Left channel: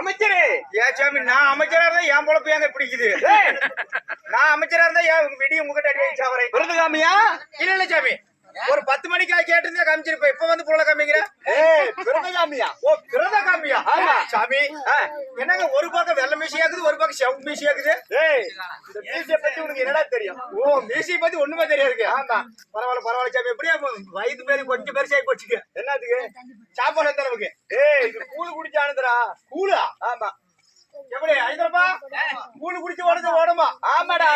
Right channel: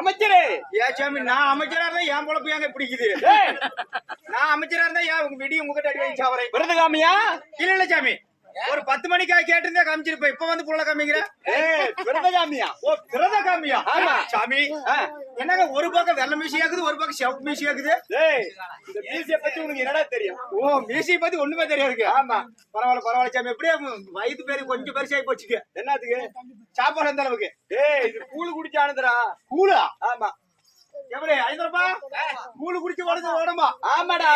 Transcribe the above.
அமைச்சரே ஏன் சாமி நான் அமைச்சரா இருந்தா என் பொழப்பு ஏங்க பிடிக்குது நான் அமைச்சரா இருந்தா ஏன் வெடி உங்ககிட்ட அடி வாங்கி சாவறேன் விருதுகாமியா இல்ல சாமி ஒரு 10 மணிக்கு கேட்டிருந்தா காமிச்சிருப்ப இப்ப வந்து புள்ள காமிக்கிற விருதுகாமியா ஓ விருதுகாமியா ஆமா சாமி என்னங்க ஒரு பக்கம் வெள்ளை மீசி ஆகுது ஒரு பக்கம் செவப்பு மீசி ஆகுது இந்த மீசிய பத்தி உனக்கு என்னடா தெரியும் ஓ மீசிய பத்தி ஒண்ணுமே தெரியாதுங்க ஆமா பரவாயில்ல சாமி எப்படியா வயது பேரு கொஞ்சம் பெருசாகி போச்சுங்க என்னத்துக்கு சாப்பாடு அந்த அளவுக்கு இது கூழு குடிச்சானுதுரா கூழா ஆமா எப்படி ஐந்தரப்பா கூழு குடிச்சு ஓடுமா ஆமாடா